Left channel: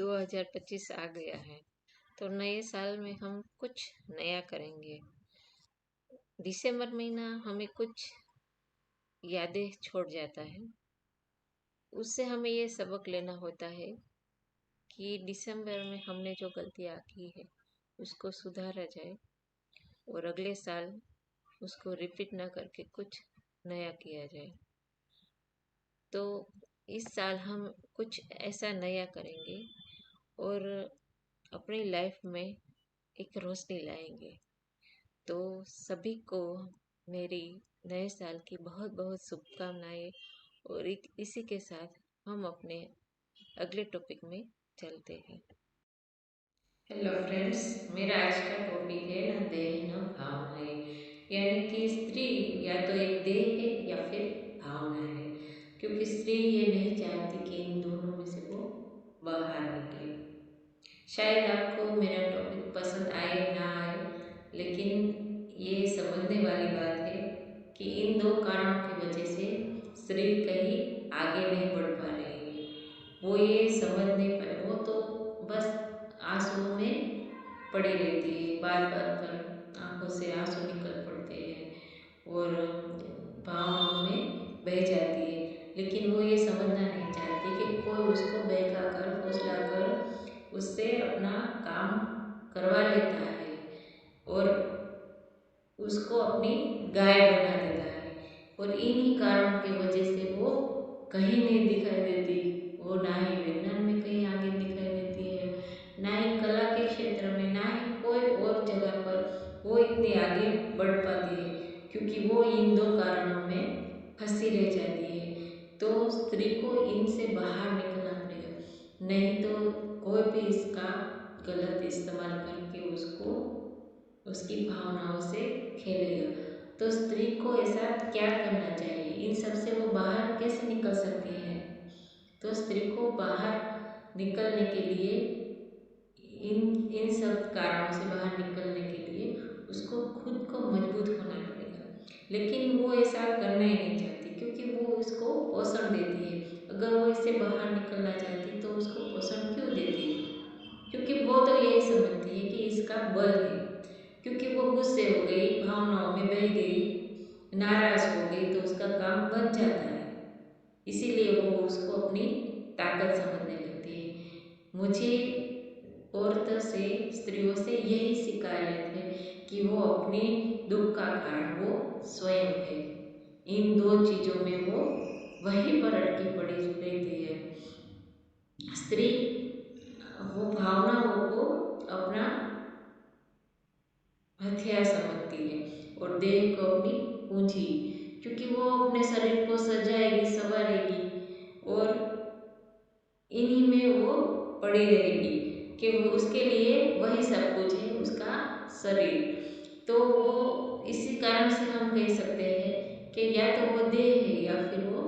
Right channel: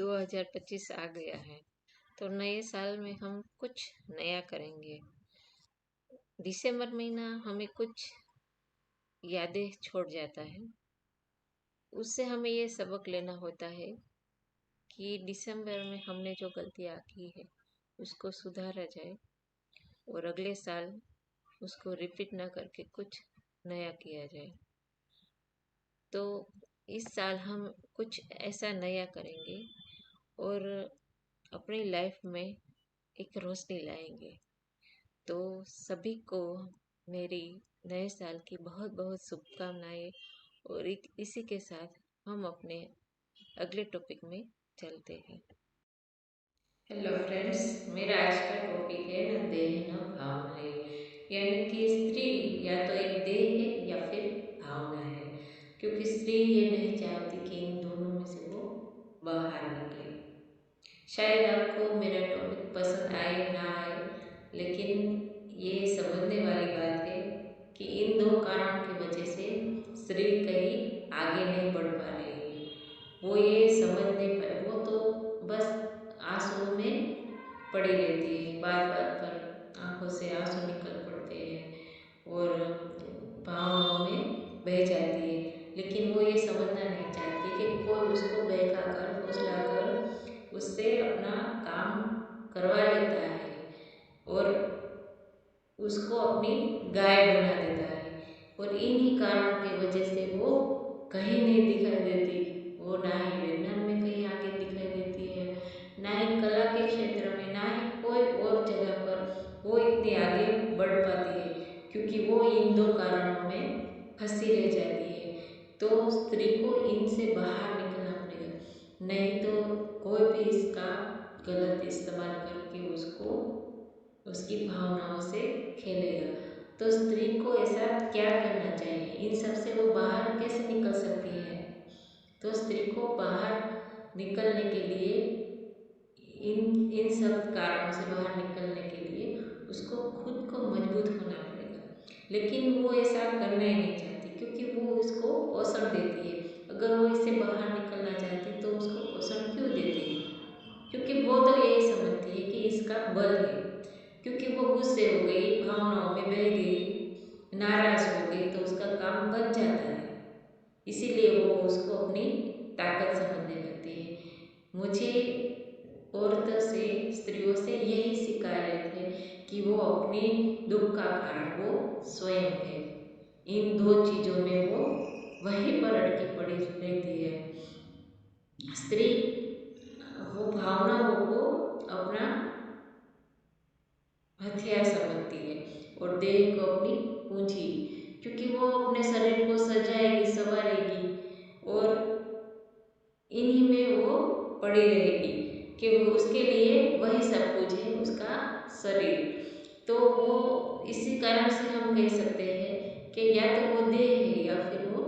2025 आ गया है, तो नए साल में हम कुछ नया करेंगे। दिसंबर महीना हमें कुछ यादें छोड़ जाता है। उससे हमें ये सबक लेना होता है कि दिसंबर में हमने जो गलतियाँ की है उसको सुधारा जाए और अगले साल उसको रिपीट ना करके कुछ नया किया जाए। तो इस साल हम कुछ ऐसा नया करेंगे और अपनी लाइफ में एक रोशनी लाएंगे। तो सभी को मेरी नए साल की बहुत बहुत शुभकामनाएं। और इसी के साथ हम अपने अगले टॉपिक में चलते हैं। हेलो फ्रेंड्स, मेरा आज का टॉपिक है न देह न भावनाएं, यानी कि स्त्री या तो एक देह है या फिर भावना है। क्योंकि स्त्री ये नहीं चाहती कि इन दोनों में से वो बाहर निकले। शायद आपको मेरा टॉपिक पसंद आए ना आए, लेकिन ये समझने वाली बात है कि इन दो कारणों की वजह से स्त्री कहीं आगे नहीं बढ़ पा रही है। वो ये समझ नहीं पाए, वो तो बस आंसुओं में पड़ी रहती है, बात बात पर आंखों से आंसू निकल पड़ते हैं और भावनाओं में बह जाती है। लेकिन वो ये समझना नहीं चाहती कि कोई उसको बहका कर फुसला कर उससे अपना काम करवा लेता है और उसको अपनी गाय बना देता है। और इन्हीं कारणों की वजह से वो कहीं नहीं दिखाई देती। वो ना ही विज्ञान में कहीं आगे दिखाई देती है, ना ही कला के क्षेत्र में, ना ही कोई और जगह पर वो इतनी आगे बढ़ पाती है, क्योंकि वो इन दो कारणों में फंसी रह जाती है। तो स्त्री को इनसे बाहर निकलना पड़ेगा, नहीं तो कोई भी इसका गलत इस्तेमाल करके उसको उसकी भावनाओं से खेलेगा। तो स्त्री को ऐसा क्या करना चाहिए, इन सब से वो बाहर कैसे निकल सकती है? तो स्त्री को बाहर निकलने के लिए, इन इन सब कारणों से बाहर निकलने के लिए उसको खुद को मजबूत होना पड़ेगा। लेकिन वो ऐसा करना ही नहीं चाहती, क्योंकि वो इसको पोषण देती है। अगर वो इससे बाहर निकलना चाहती तो उसको पोषण क्यों देती? क्योंकि वो तो यही समझती है कि इसका बल है। क्योंकि वो गुस्से हो गई, भावनाओं में बह गई, नाराज हो गई, तो उसका काम बन जाता है। इसीलिए वो उसको अपनी ताकत समझने लगती है। मुझे औरतों से, स्त्रियों से यही शिकायत है कि वो अपनी दुख का कारण वो स्वयं है। इन दो चीजों में वो वहीं पर अटकी पड़ी रहती है। स्त्री वो भावनाओं को अपना हथियार समझती है और देह को अपनी पूंजी, क्योंकि वो अपने शरीर को सजाएगी, संवारेगी और इन्हीं में वो पड़ी रहेगी कि वो उसके लिए वही सब कुछ है, उसका शरीर। तो वो इसी कारण से हम कह सकते हैं कि या तो वो देह है या फिर वो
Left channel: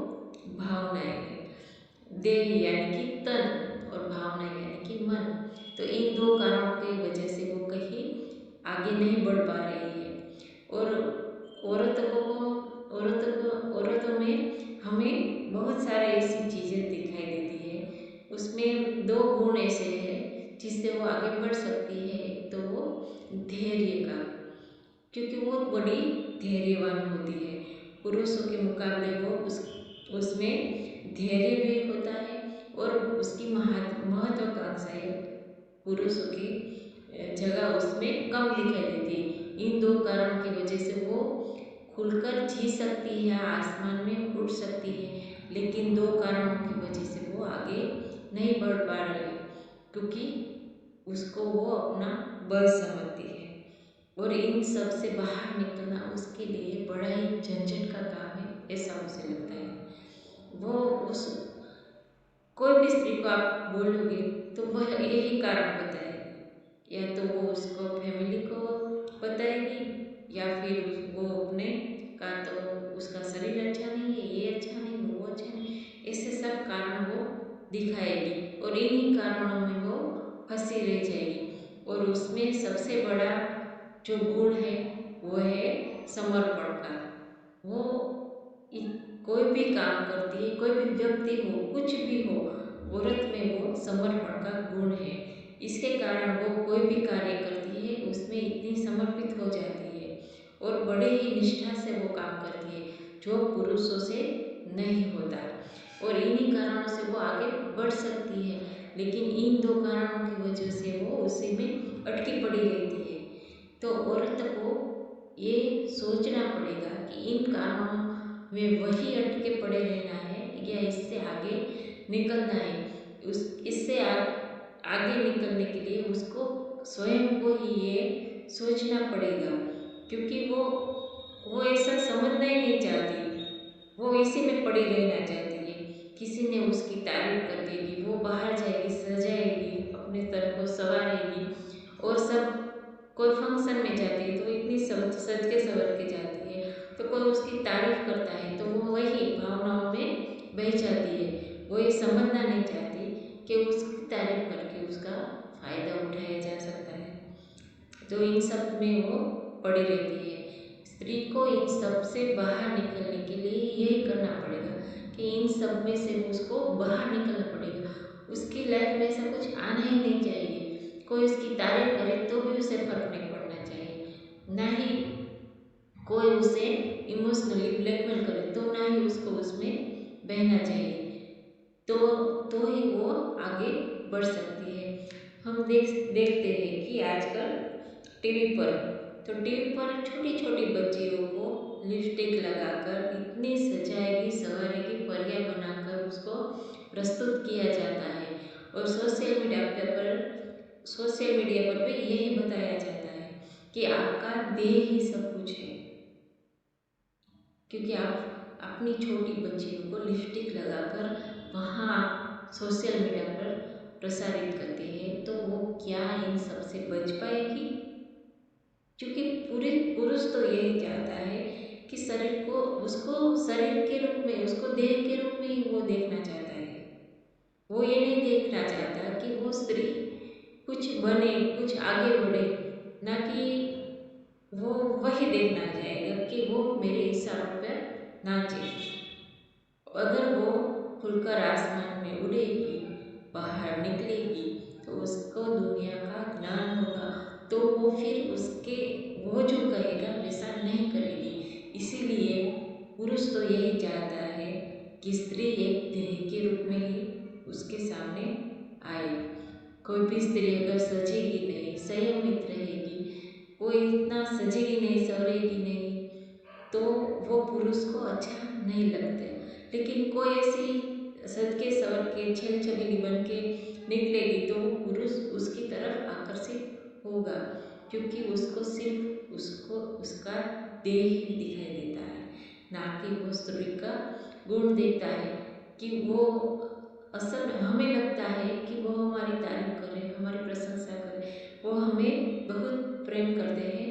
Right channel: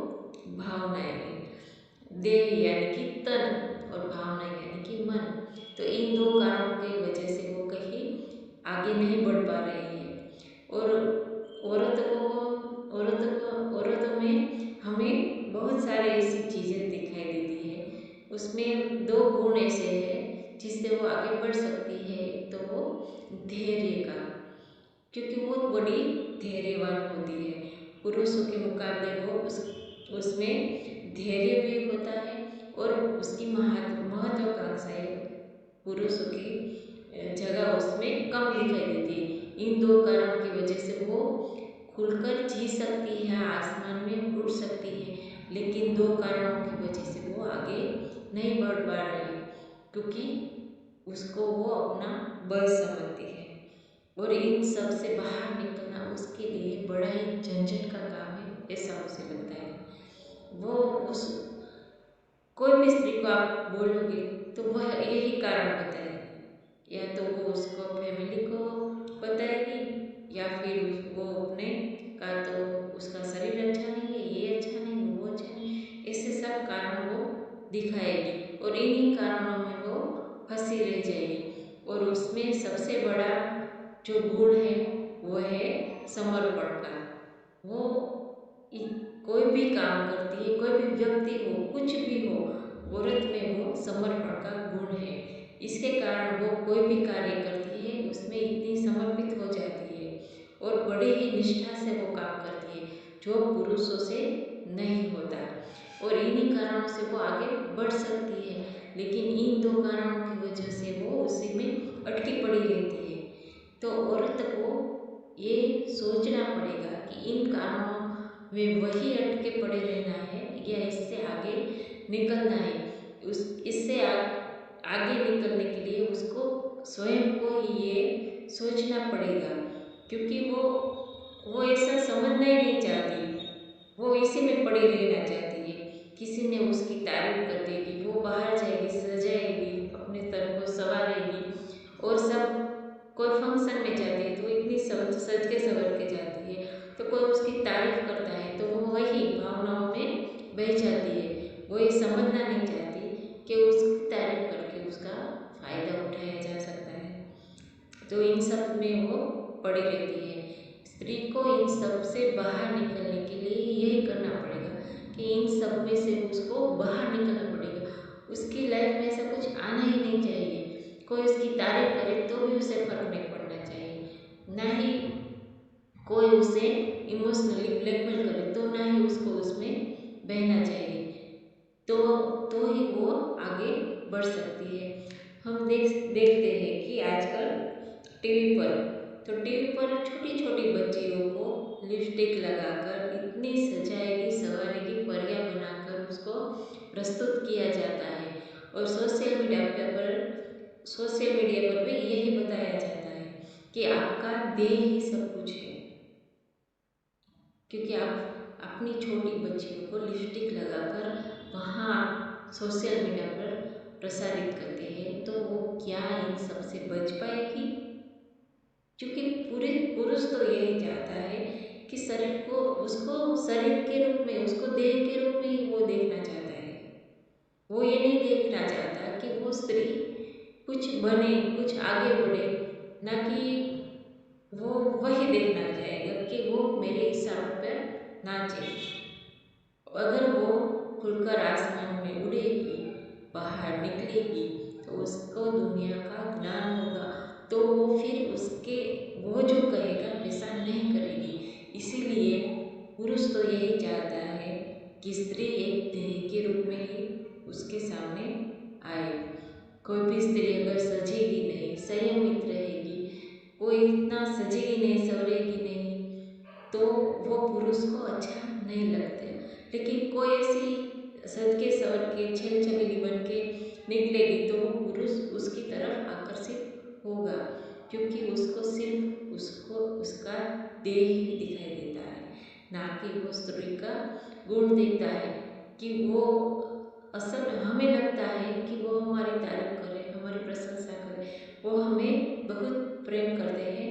भावनाएं है। देह यानी कि तन और भावना यानी कि मन। तो इन दो कारणों की वजह से वो कहीं आगे नहीं बढ़ पा रही है। और औरतों में हमें बहुत सारे ऐसी चीजें दिखाई देती है। उसमें दो गुण ऐसे हैं जिससे वो आगे बढ़ सकती है। एक तो वो धैर्य का, क्योंकि वो बड़ी धैर्यवान होती है। पुरुषों के मुकाबले वो उसमें धैर्य भी होता है और उसकी महत्वाकांक्षाएं पुरुषों की जगह उसमें कम दिखाई देती है। इन दो कारणों की वजह से वो खुलकर जी सकती है, आसमान में उड़ सकती है। लेकिन दो कारणों की वजह से वो आगे नहीं बढ़ पा रही है, क्योंकि उसको वो अपना बल समझती है। और इन सब से बाहर निकलना उसके लिए बड़ा ही झंझट का काम है, ऐसा मुझे लगता है। वो उस कोई भी स्त्री को आप बोलोगे तो वह यही कारण बताएगी। या तो वो उसको फैमिली को बताएगी, या फिर वो अपने का तो उसका शरीर अच्छा नहीं है, ये अच्छा नहीं, वो अच्छा नहीं, ऐसे सब कारण वो दिखाएगी और इन्हीं कारणों में वो फंसी रह जाएगी। और उसमें सबसे बड़ा जो गुण है वो है समर्पण का। वो कोई भी काम करती है, कोई भी व्यक्ति हो, कुछ भी हो, औरत में वो समर्पण का गुण है। इसके कारण वो कोई भी कार्य करती है उसमें इतनी समर्पित हो जाती है और बड़े ही निष्ठा से वो काम करती है, जो पुरुषों से नहीं होता। और इन्हीं कारणों से वो आगे बढ़ सकती है, लेकिन इन दो कारणों की वजह से वो उसी में अटकी पड़ी रहती है। तो औरत को ये सोचना पड़ेगा कि इन कारणों में वही अटके पड़े रहना है या इससे आगे निकलना है। उस इससे आगे निकलने के लिए उसको स्वयं को ही ये सोचना पड़ेगा, क्योंकि वो ऐसा समझना ही नहीं चाहती। वो इसी में पड़ी रहना चाहती है। किसी ने उसकी तारीफ कर देगी, वो बाहर जाएगी, सजाएगी, अपने तन को संवारेगी और सब, कोई फंक्शन में जाती है तो वो इतनी सज के संवर के जाती है, तो कोई उसकी तारीफ करता है तो वो वही भावनाओं में बह जाती है। वो ये समझना नहीं चाहती कि उसकी तारीफ करके उसका फायदा उठाया जा सकता है। तो इन सब में वो पड़ी रहती है। स्त्री को इन सब से बाहर निकलने के लिए यही करना पड़ेगा कि इन सब में से वो उसको बाहर निकलना पड़ेगा। उसकी लाइफ में ऐसा कुछ आना ही नहीं चाहिए। कोई उसकी तारीफ करे तो भी उसे फर्क नहीं पड़ना चाहिए, ना ही कोई उसे इमोशनली ब्लैकमेल करे तो ना ही उसको उसमें बहना चाहिए। तो तो ही वो आगे बढ़ सकती है। हम देखते हैं कि आजकल टीवी पर, तो टीवी पर छोटी छोटी बच्चियों को लिपस्टिक लगाकर इतनी सजाएगी संवारेगी परियां बनाकर उसको प्रस्तुत किया जाता है। और सोशल मीडिया पर भी यही बताया जाता है कि आपका देह ही सब कुछ है, क्योंकि आप अपनी छोटी बच्चियों को लिपस्टिक लगाकर वहाँ आप सोशल मीडिया पर प्रसारित करते हैं, तो वो क्या इन सब से बच पाएगी? क्योंकि पूरे पुरुष तो यही चाहता है कि शरीर को, उसको शरीर के रूप में, उसको देह के रूप में ही वो देखना चाहता है। वो ये नहीं देखना चाहता कि वो स्त्री कुछ बने, कुछ आगे बढ़े, ना कि वो वही देखना चाहेगा कि वो मेरे इशारों पर नाचे। अगर वो खुलकर आसमान में उड़ेगी, बाहर निकलेगी, तो उसको दुनिया का ज्ञान होगा। तो वो फिर उसके, वो जो कहेगा वैसा नहीं करेगी। इसीलिए पुरुष तो यही चाहता है कि स्त्री एक देह के रूप में ही उसके सामने आए। कोई भी स्त्री अगर सजेगी नहीं, संयमित रहेगी, कोई इतना सजेगी नहीं, सवरेगी नहीं, तो वो पुरुष को अच्छा नहीं लगता। लेकिन कोई ऐसी सज के सवर के छेल छबीली बन के निकलेगी तो वो पुरुष उसकी तरफ आकर्षित होगा, क्योंकि उसको सिर्फ उसको उसका देह ही दिखाई देता है, ना कि वो स्त्री का गुण देखता है। कि वो असल में हमें लगता है कि वो हमारी तारीफ करे, हमारी प्रशंसा करे, वो हमें बहुत प्रेम करते हैं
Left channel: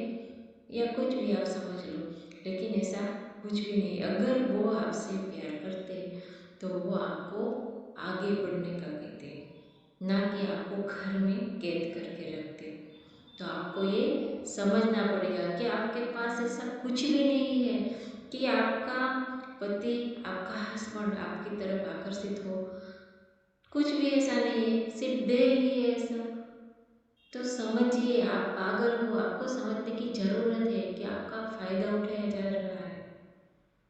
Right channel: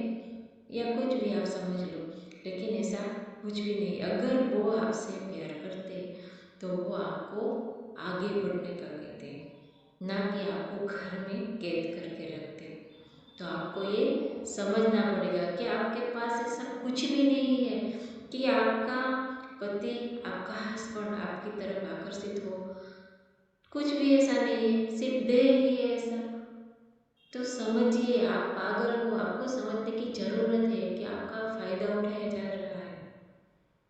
या कुछ भी आप समझ लो, लेकिन ऐसा कुछ भी नहीं। अगर वो आपसे प्यार करते तो वो आपको आगे बढ़ने का कहते, ना कि आपको घर में कैद करके रखते। तो आपको ये समझना पड़ेगा कि आपके पास ऐसा कुछ भी नहीं है कि आपका पति, आपका हस्बैंड आपकी तरफ आकर्षित हो। कुछ भी ऐसा नहीं है, सिर्फ देह ही है ऐसा। तो समझिए, आप पागल हो, आपको समझने की जरूरत है कि आपका फायदा उठाया जा रहा है।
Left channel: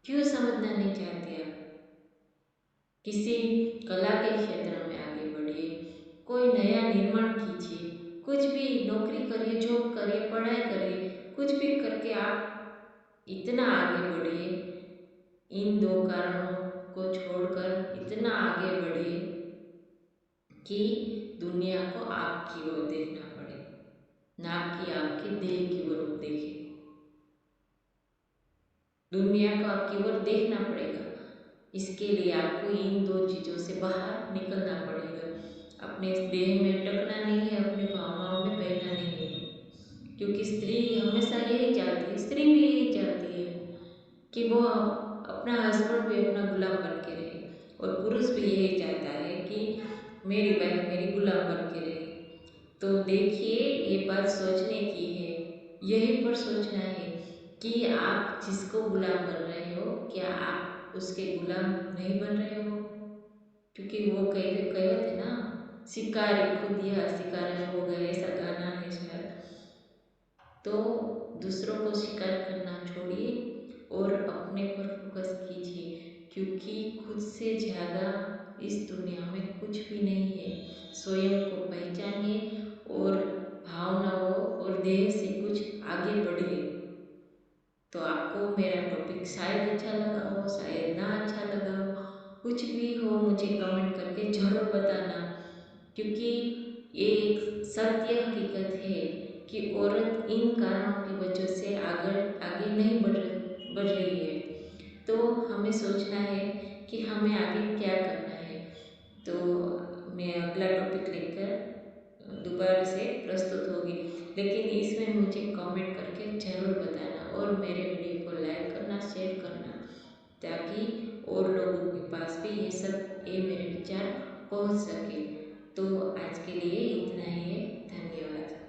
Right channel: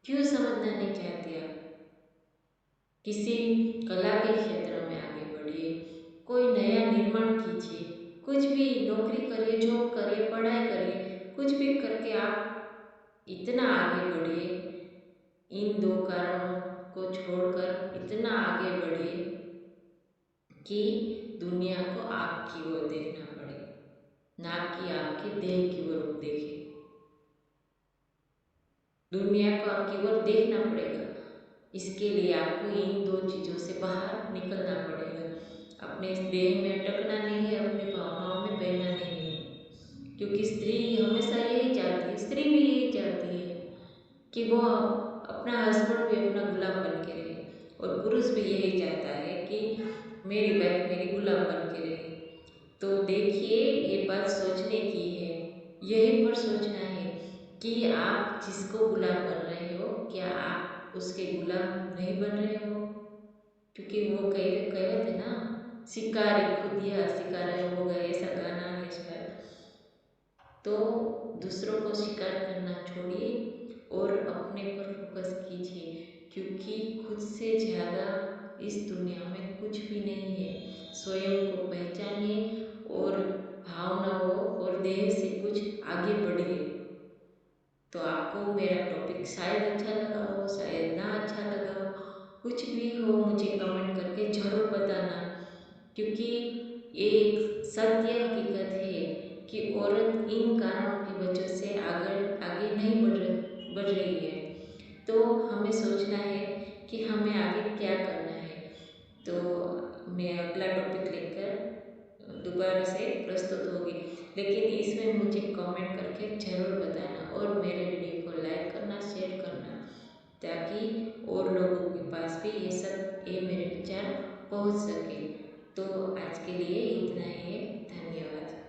क्यों समझना नहीं चाहते आप? किसी कला के क्षेत्र में आगे बढ़िए, कोई नया निर्माण कीजिए, कुछ भी नौकरी करिए, जॉब करिए, पढ़ाई करिए, कुछ भी करके आप इतना आगे बढ़िए। इन दो कारणों को छोड़कर इतना आगे बढ़िए कि दुनिया को आपकी ओर देखना पड़े, ना कि आपके देह की ओर देखे। दुनिया को आपकी ओर देखना पड़ेगा। इसके लिए आपको इन दो चीज़ों से बाहर निकलना पड़ेगा। अपने इस देह में अटकना नहीं है, अपनी भावनाओं में बहना नहीं है। क्योंकि स्त्री हमेशा यही चाहती है, स्त्री भी यही चाहती है कि वो अपना हस्बैंड भी अपना गुलाम बन के रहे, और पुरुष भी यही चाहता है कि मेरी वाइफ मेरी गुलाम बन के रहे। तो देखिए, ये बात सोचने की है, यही पर सोचना है कि आप जिसको गुलाम बन रहे हो, क्या आप उसके गुलाम नहीं बन रहे हो? क्योंकि वो कहावत है ना, शिकारी खुद यह शिकार हो गए, ऐसा गाना है शायद। तो दूसरों को शिकार करना छोड़िए और अपने पर फोकस कीजिए, क्योंकि खुद से ज्यादा इस दुनिया में कुछ भी नहीं है। स्वयं को पहचानिए और भावनाओं और देह से कुछ आगे बढ़िए। तो आपको मेरा टॉपिक शायद अच्छा लगा हो, शायद ना अच्छा लगा हो, कुछ भी हो मुझे कमेंट करके जरूर बताना, क्योंकि ये एक सत्य हकीकत है कि औरत इन कारणों की वजह से आगे आगे नहीं बढ़ रही है। तो हमें सोचना है कि हमें आगे क्या करना है। तो मैं अगला टॉपिक लेकर दोबारा से प्रस्तुत होगी, लेकिन इसमें मुझे कमेंट करके ज़रूर बताना और मेरे वीडियो को लाइक करना, शेयर करना, ताकि और लोगों के पास भी ये मेरे विचार पहुंच सके। तो आज के लिए इतना ही है। धन्यवाद।